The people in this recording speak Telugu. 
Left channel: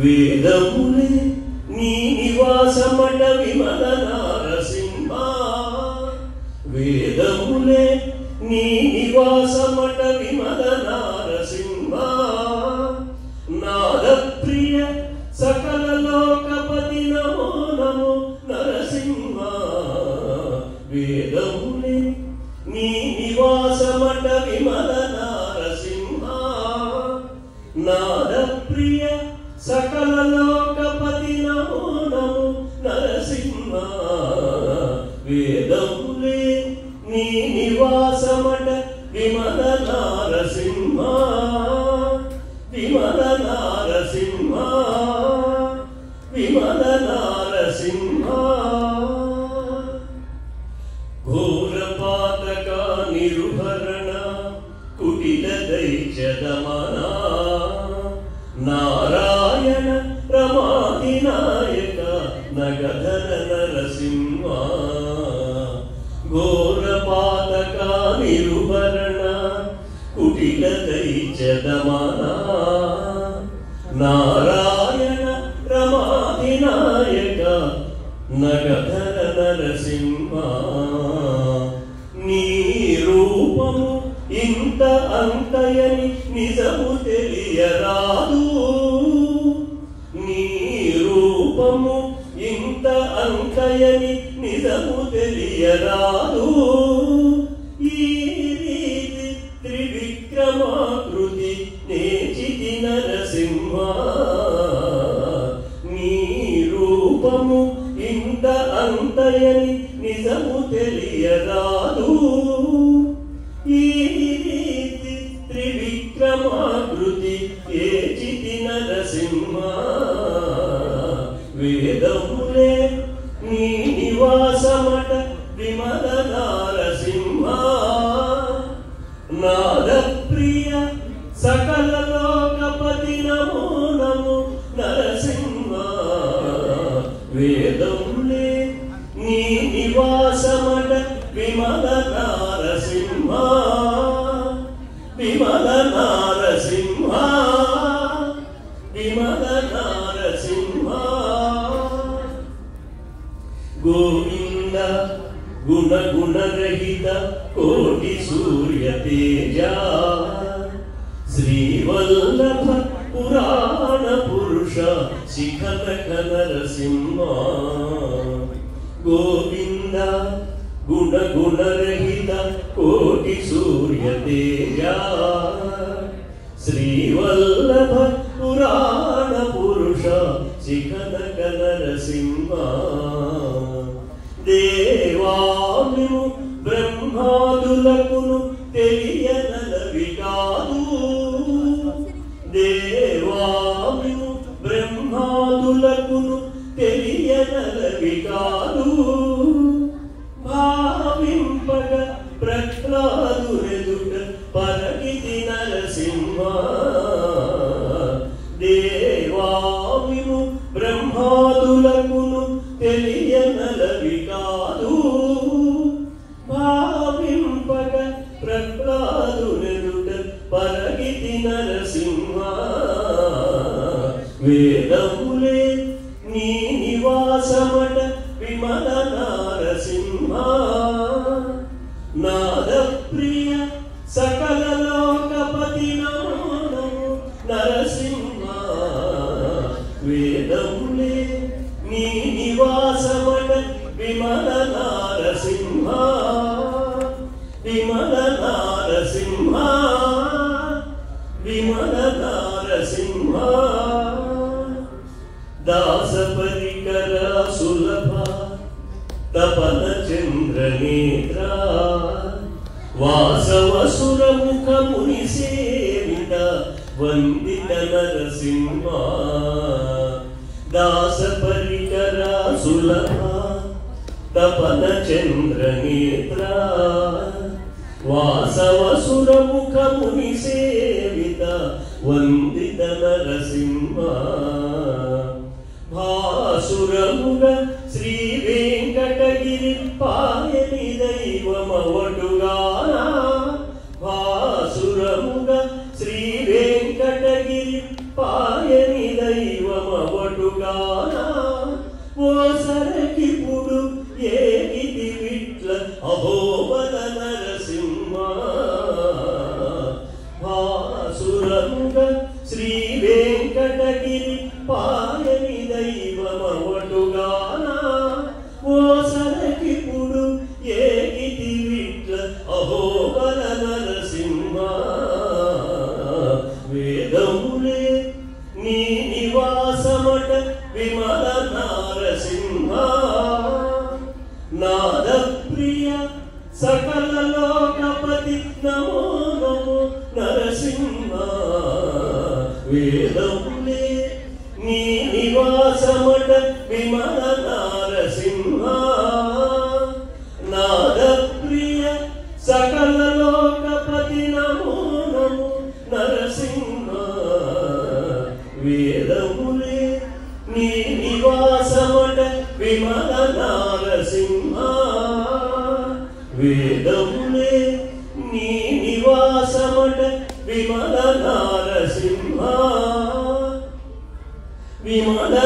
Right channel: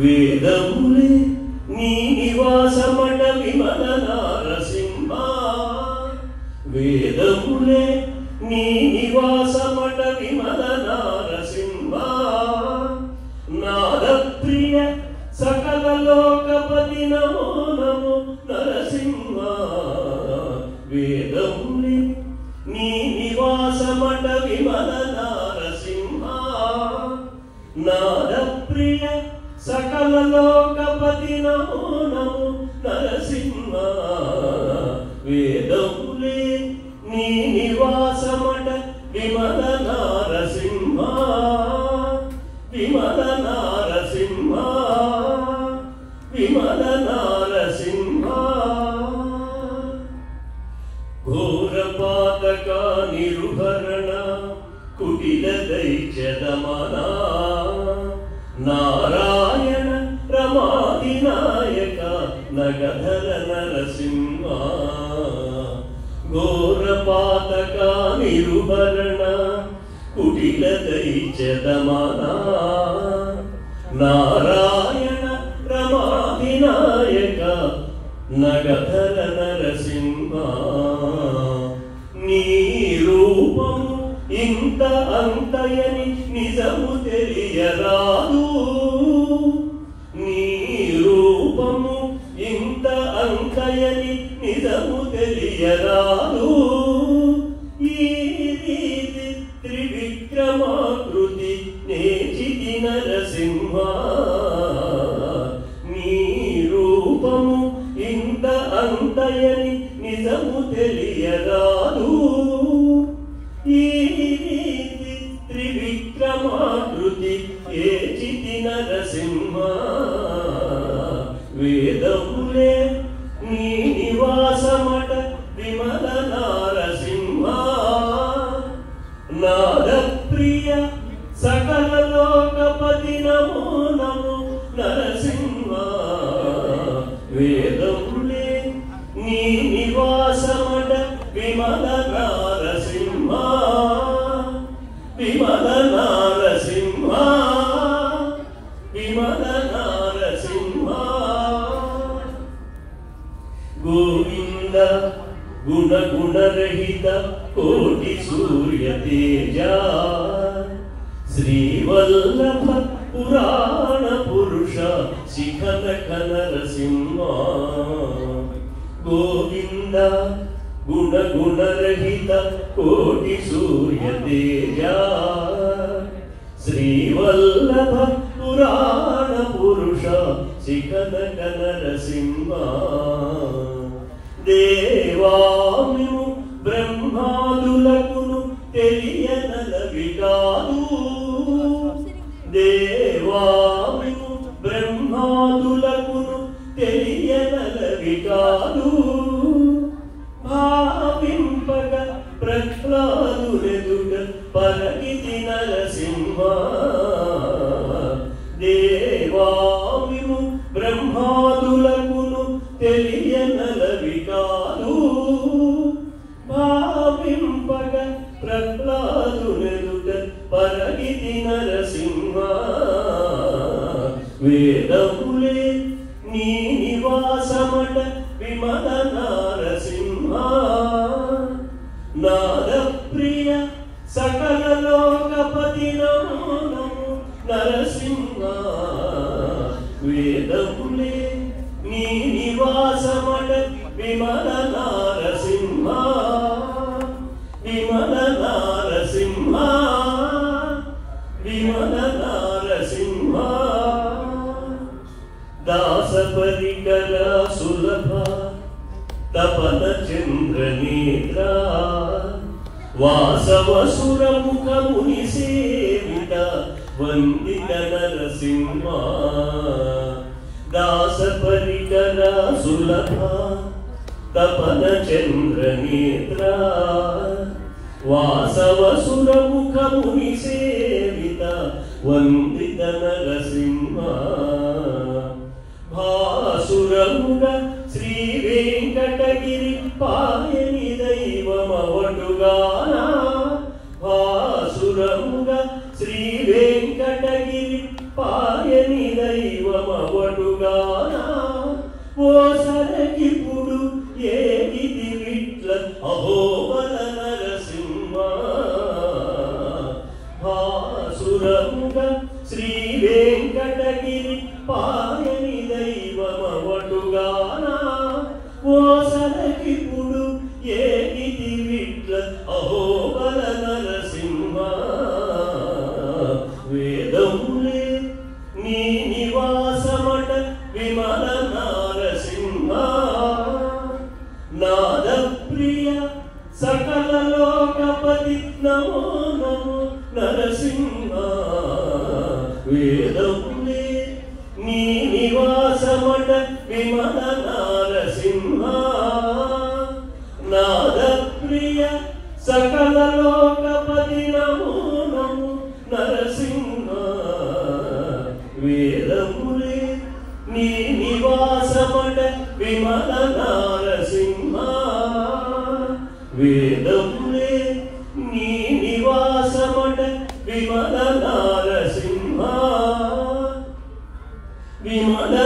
వేదములే నీ నివాసమట విమల నారసింహ వేదములే నీ నివాసమట విమల నారసింహ నాద ప్రియ సకల లోకపతి నమో నమో నరసింహ వేదములే నీ నివాసమట విమల నారసింహ నాద ప్రియ సకల లోకపతి నమో నమో నరసింహ వేదములే నీ నివాసమట విమల నారసింహ విమల నారసింహ విమల నారసింహ ఘోర పాతక నిరుహరణ కుటిల దైత్యదమన నారాయణ రమాధినాయక నగధర నరసింహ ఘోర పాతక నిరుహరణ కుటిల దైత్యదమన నారాయణ రమాధినాయక నగధర నరసింహ నీ రూపము ఇంత అంతయని నిజము తెలియరాదు నీ రూపము ఇంత అంతయని నిజము తెలియరాదు ఈ రీతి త్రివిక్రమాకృతి నేచితి నరసింహ నీ రూపము ఇంత అంతయని నిజము తెలియరాదు ఈ రీతి త్రివిక్రమాకృతి ఏచితి నరసింహ వేదములే నీ నివాసమట విమల నారసింహ నాద ప్రియ సకల లోకపతి నమో నమో నరసింహ వేదములే నీ నివాసమట విమల నారసింహ విమల నారసింహ విమల నారసింహ గోవింద గుణ గుణరహిత కోటి సూర్య తేజ శ్రీవల్లభ పురాణ పురుష శిఖరక నరసింహ గోవింద గుణ గుణరహిత కోటి సూర్య తేజ శ్రీవల్లభ పురాణ పురుష శిఖరక నరసింహ దేవామిము బ్రహ్మాదులకును తెలియనలవి కాదు దేవామిము బ్రహ్మాదులకును తెలియనలవి కాదు భావింపగ ప్రహ్లాదులెదుట పరగితి నరసింహ దేవామిము బ్రహ్మాదులకును తెలియనలవి కాదు భావింపగ ప్రహ్లాదులెదుట పరగితి నరసింహ వేదములే నీ నివాసమట విమల నారసింహ నాద ప్రియ సకల లోకపతి నమో నమో నరసింహ వేదములే నీ నివాసమట విమల నారసింహ విమల నారసింహ విమల నారసింహ దాస పరికర సులభ తపన చంద్రనేత్ర వాసవసుర ముఖ ముని సేవిత వందిత నరసింహ దాస పరికర సులభ తపన చంద్రనేత్ర వాసవసుర ముఖ ముని సేవిత వందిత నరసింహ భాసురముగ శ్రీ వెంకటగిరి పాయని దైవమవటుగాన భాసురముగ శ్రీ వెంకటగిరి పాయని దైవ బాసురముగ శ్రీ వెంకటగిరి పాయని దైవమవటుగానా ఓసరకిప్పుడు ఏగితి విట్ల అహోబల నరసింహ వేదములే నీ నివాసమట విమల నారసింహ నాద ప్రియ సకల లోకపతి నమో నమో నరసింహ వేదములే నీ నివాసమట విమల నారసింహ నాద ప్రియ సకల లోకపతి నమో నమో నరసింహ వేదములే నీ నివాసమట విమల నారసింహ వేదములే నీ నివాసమట విమల నారసింహ విమల